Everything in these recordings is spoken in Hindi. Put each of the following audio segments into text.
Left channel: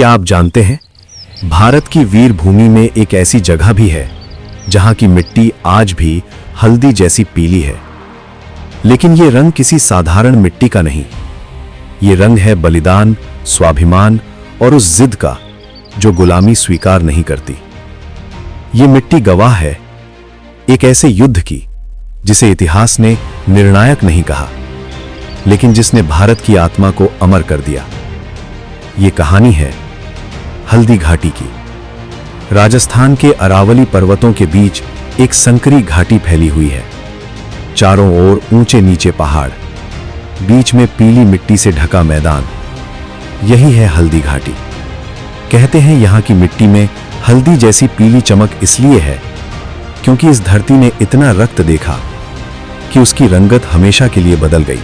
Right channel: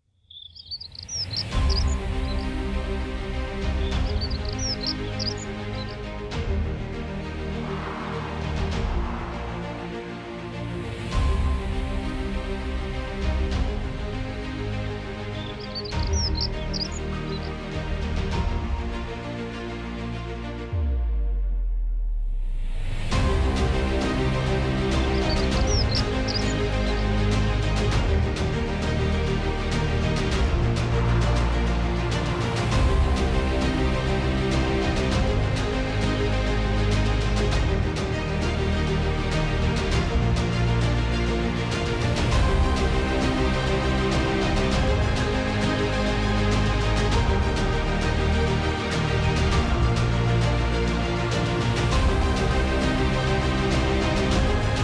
क्या आप जानते हैं, भारत की वीर भूमि में एक ऐसी जगह भी है जहां की मिट्टी आज भी हल्दी जैसी पीली है। लेकिन यह रंग किसी साधारण मिट्टी का नहीं, ये रंग है बलिदान, स्वाभिमान और उस जिद का जो गुलामी स्वीकार नहीं करती। ये मिट्टी गवाह है एक ऐसे युद्ध की जिसे इतिहास ने निर्णायक नहीं कहा, लेकिन जिसने भारत की आत्मा को अमर कर दिया। ये कहानी है हल्दी घाटी की। राजस्थान के अरावली पर्वतों के बीच एक संकरी घाटी फैली हुई है। चारों ओर ऊंचे नीचे पहाड़, बीच में पीली मिट्टी से ढका मैदान। यही है हल्दी घाटी। कहते हैं यहां की मिट्टी में हल्दी जैसी पीली चमक इसलिए है क्योंकि इस धरती ने इतना रक्त देखा कि उसकी रंगत हमेशा के लिए बदल गई।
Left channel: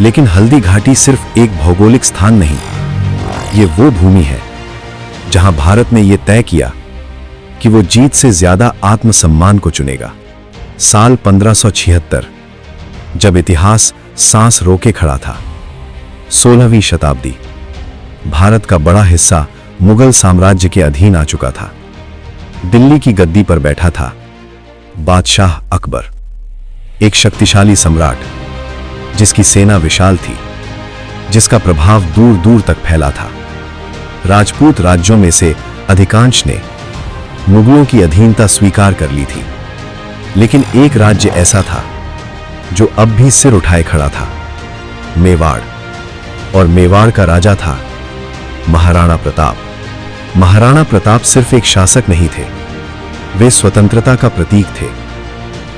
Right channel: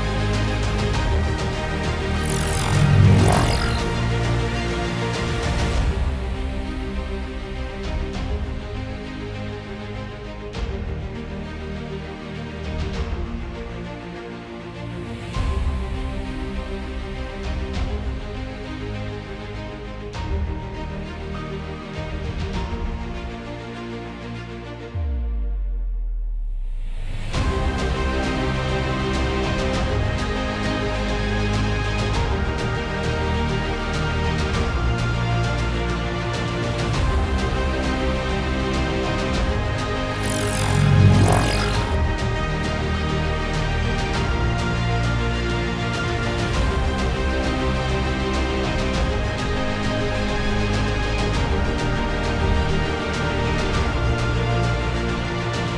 लेकिन हल्दी घाटी सिर्फ एक भौगोलिक स्थान नहीं, ये वो भूमि है जहां भारत ने यह तय किया कि वो जीत से ज्यादा आत्मसम्मान को चुनेगा। साल 1576, जब इतिहास सांस रोके खड़ा था। 16वीं शताब्दी, भारत का बड़ा हिस्सा मुगल साम्राज्य के अधीन आ चुका था। दिल्ली की गद्दी पर बैठा था बादशाह अकबर, एक शक्तिशाली सम्राट जिसकी सेना विशाल थी, जिसका प्रभाव दूर दूर तक फैला था। राजपूत राज्यों में से अधिकांश ने मुगलों की अधीनता स्वीकार कर ली थी, लेकिन एक राज्य ऐसा था जो अब भी सिर उठाए खड़ा था, मेवाड़। और मेवाड़ का राजा था महाराणा प्रताप। महाराणा प्रताप सिर्फ एक शासक नहीं थे, वे स्वतंत्रता का प्रतीक थे।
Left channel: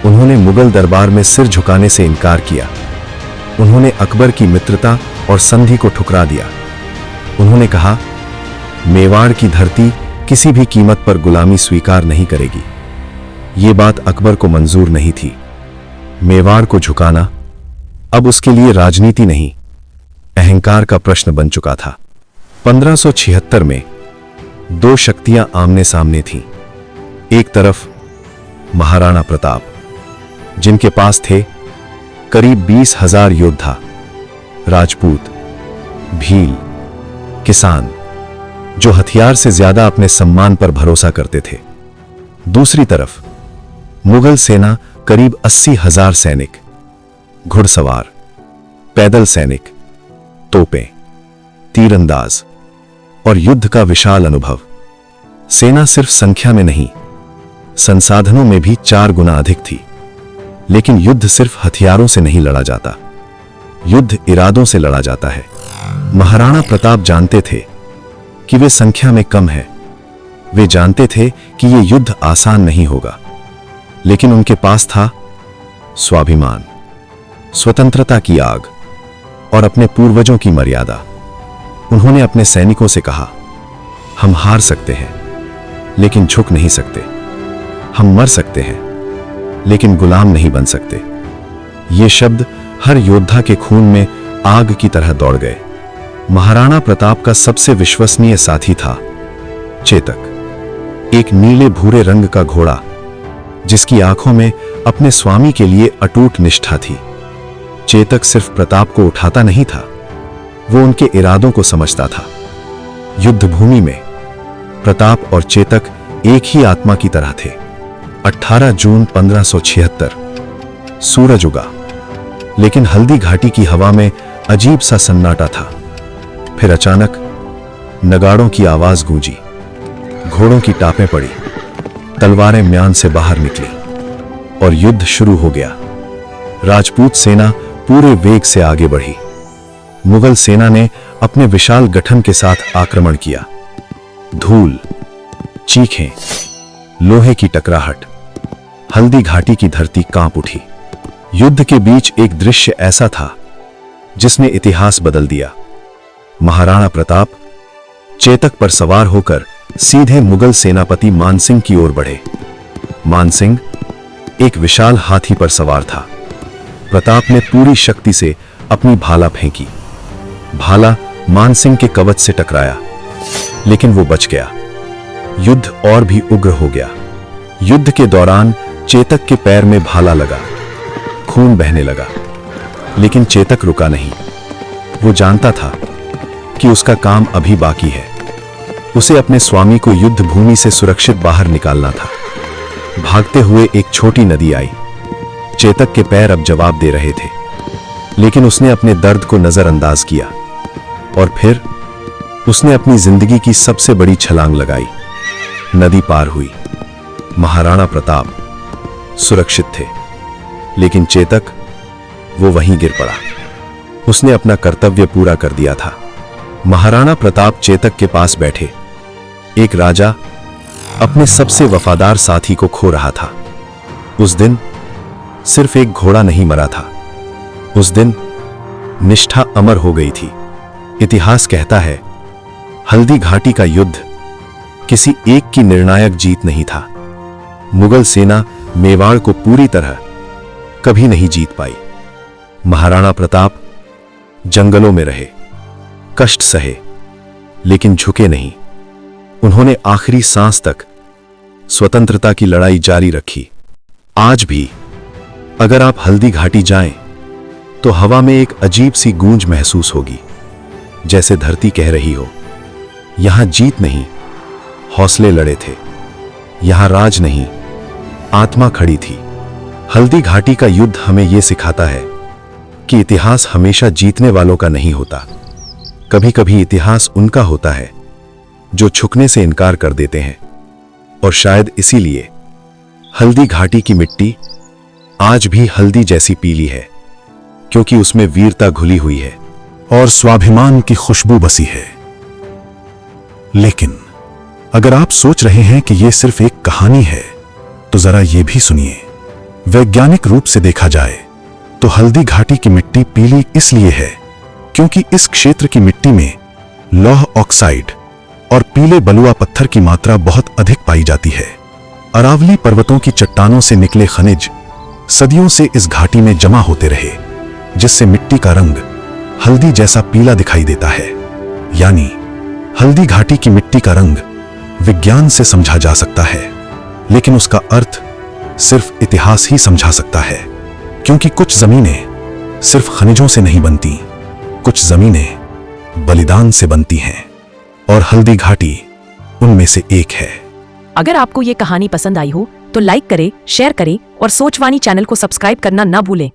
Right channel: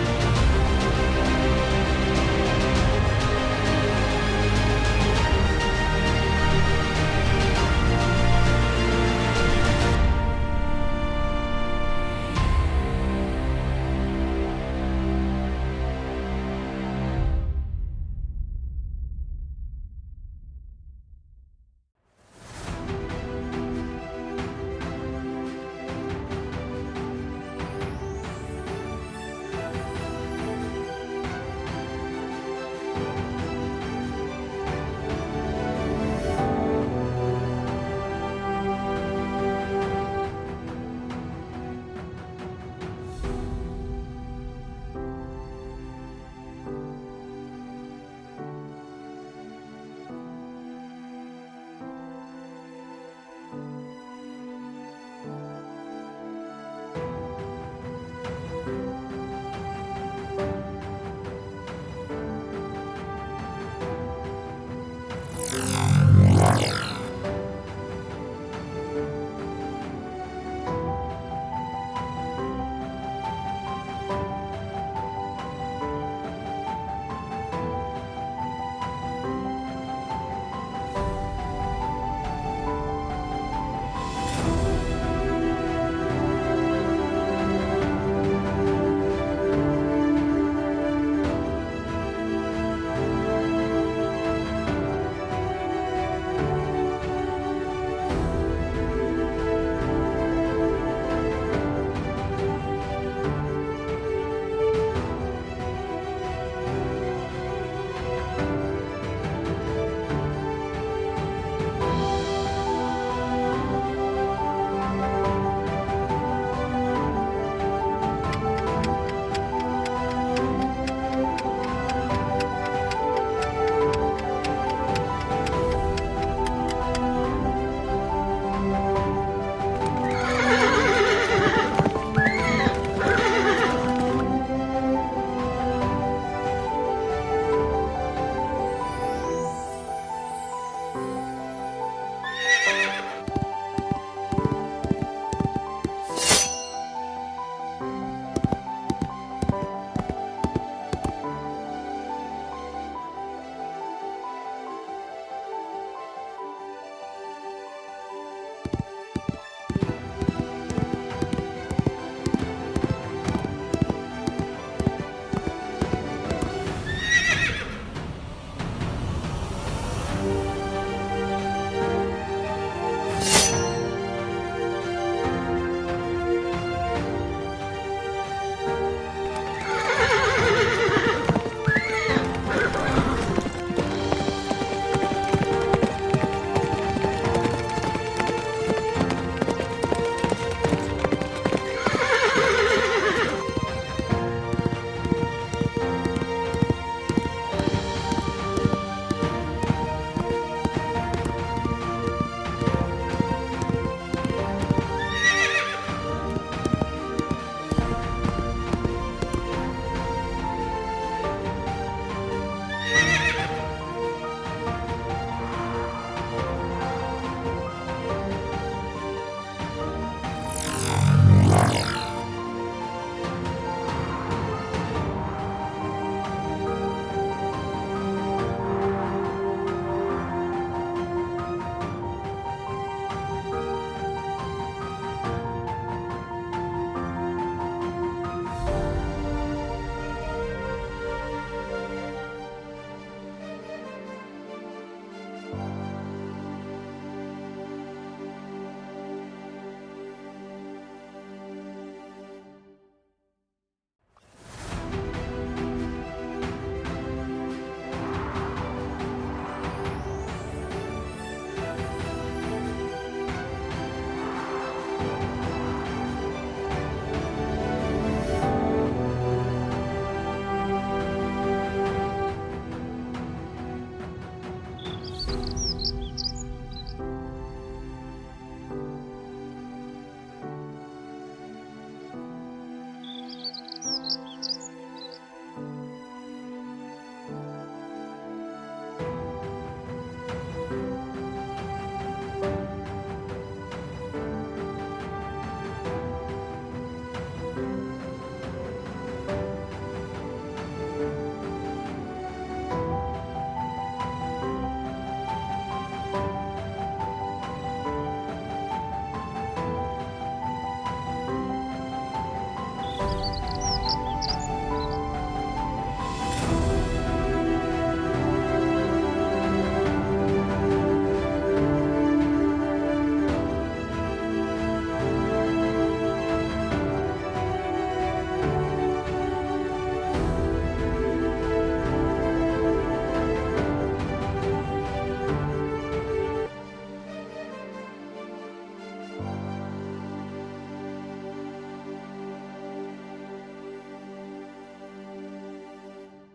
उन्होंने मुगल दरबार में सिर झुकाने से इनकार किया। उन्होंने अकबर की मित्रता और संधि को ठुकरा दिया। उन्होंने कहा, मेवाड़ की धरती किसी भी कीमत पर गुलामी स्वीकार नहीं करेगी। ये बात अकबर को मंजूर नहीं थी। मेवाड़ को झुकाना अब उसके लिए राजनीति नहीं, अहंकार का प्रश्न बन चुका था। 1576 में दो शक्तियां आमने सामने थीं। एक तरफ महाराणा प्रताप, जिनके पास थे करीब 20,000 योद्धा, राजपूत, भील, किसान, जो हथियार से ज्यादा अपने सम्मान पर भरोसा करते थे। दूसरी तरफ मुगल सेना, करीब 80,000 सैनिक, घुड़सवार, पैदल सैनिक, तोपें, तीरंदाज और युद्ध का विशाल अनुभव। सेना सिर्फ संख्या में नहीं, संसाधनों में भी 4 गुना अधिक थी। लेकिन युद्ध सिर्फ हथियारों से नहीं लड़ा जाता, युद्ध इरादों से लड़ा जाता है। महाराणा प्रताप जानते थे कि वे संख्या में कम है। वे जानते थे कि यह युद्ध आसान नहीं होगा, लेकिन उनके पास था स्वाभिमान, स्वतंत्रता की आग और अपने पूर्वजों की मर्यादा। उन्होंने अपने सैनिकों से कहा, हम हार सकते हैं लेकिन झुक नहीं सकते। हम मर सकते हैं लेकिन गुलाम नहीं बन सकते। ये शब्द हर योद्धा के खून में आग की तरह दौड़ गए। महाराणा प्रताप का सबसे विश्वसनीय साथी था चेतक, एक नीले भूरे रंग का घोड़ा जिसकी आंखों में अपने स्वामी के लिए अटूट निष्ठा थी। चेतक सिर्फ प्रताप को उठाता नहीं था, वो उनके इरादों को समझता था। युद्ध भूमि में प्रताप और चेतक एक ही आत्मा की तरह थे। 18 जून 1576, सूरज उगा, लेकिन हल्दी घाटी की हवा में अजीब सा सन्नाटा था। फिर अचानक नगाड़ों की आवाज गूंजी, घोड़ों की टापें पड़ी, तलवारें म्यान से बाहर निकली और युद्ध शुरू हो गया। राजपूत सेना पूरे वेग से आगे बढ़ी। मुगल सेना ने अपने विशाल गठन के साथ आक्रमण किया। धूल, चीखें, लोहे की टकराहट, हल्दी घाटी की धरती कांप उठी। युद्ध के बीच एक दृश्य ऐसा था जिसने इतिहास बदल दिया। महाराणा प्रताप चेतक पर सवार होकर सीधे मुगल सेनापति मानसिंह की ओर बढ़े। मानसिंह एक विशाल हाथी पर सवार था। प्रताप ने पूरी शक्ति से अपनी भाला फेंकी। भाला मानसिंह के कवच से टकराया, लेकिन वो बच गया। युद्ध और भी उग्र हो गया। युद्ध के दौरान चेतक के पैर में भाला लगा, खून बहने लगा, लेकिन चेतक रुका नहीं। वो जानता था कि उसका काम अभी बाकी है। उसे अपने स्वामी को युद्ध भूमि से सुरक्षित बाहर निकालना था। भागते हुए एक छोटी नदी आई। चेतक के पैर अब जवाब दे रहे थे, लेकिन उसने अपने दर्द को नजरअंदाज किया और फिर उसने अपनी जिंदगी की सबसे बड़ी छलांग लगाई। नदी पार हुई। महाराणा प्रताप सुरक्षित थे, लेकिन चेतक, वो वहीं गिर पड़ा। उसने अपना कर्तव्य पूरा कर दिया था। महाराणा प्रताप चेतक के पास बैठे। एक राजा अपने सबसे वफादार साथी को खो रहा था। उस दिन सिर्फ एक घोड़ा नहीं मरा था, उस दिन निष्ठा अमर हो गई थी। इतिहास कहता है, हल्दी घाटी का युद्ध किसी एक की निर्णायक जीत नहीं था। मुगल सेना मेवाड़ को पूरी तरह कभी नहीं जीत पाई। महाराणा प्रताप जंगलों में रहे, कष्ट सहे, लेकिन झुके नहीं। उन्होंने आखिरी सांस तक स्वतंत्रता की लड़ाई जारी रखी। आज भी अगर आप हल्दी घाटी जाएं, तो हवा में एक अजीब सी गूंज महसूस होगी, जैसे धरती कह रही हो, यहां जीत नहीं, हौसले लड़े थे। यहां राज नहीं, आत्मा खड़ी थी। हल्दी घाटी का युद्ध हमें यह सिखाता है कि इतिहास हमेशा जीतने वालों का नहीं होता। कभी कभी इतिहास उनका होता है जो झुकने से इनकार कर देते हैं। और शायद इसीलिए हल्दी घाटी की मिट्टी आज भी हल्दी जैसी पीली है, क्योंकि उसमें वीरता घुली हुई है और स्वाभिमान की खुशबू बसी है। लेकिन अगर आप सोच रहे हैं कि यह सिर्फ एक कहानी है, तो जरा यह भी सुनिए। वैज्ञानिक रूप से देखा जाए तो हल्दी घाटी की मिट्टी पीली इसलिए है क्योंकि इस क्षेत्र की मिट्टी में लौह ऑक्साइड और पीले बलुआ पत्थर की मात्रा बहुत अधिक पाई जाती है। अरावली पर्वतों की चट्टानों से निकले खनिज सदियों से इस घाटी में जमा होते रहे, जिससे मिट्टी का रंग हल्दी जैसा पीला दिखाई देता है। यानी हल्दी घाटी की मिट्टी का रंग विज्ञान से समझा जा सकता है, लेकिन उसका अर्थ सिर्फ इतिहास ही समझा सकता है। क्योंकि कुछ जमीनें सिर्फ खनिजों से नहीं बनती, कुछ जमीनें बलिदान से बनती हैं, और हल्दी घाटी उनमें से एक है। अगर आपको ये कहानी पसंद आई हो तो लाइक करें, शेयर करें और सोचवानी चैनल को सब्सक्राइब करना ना भूलें।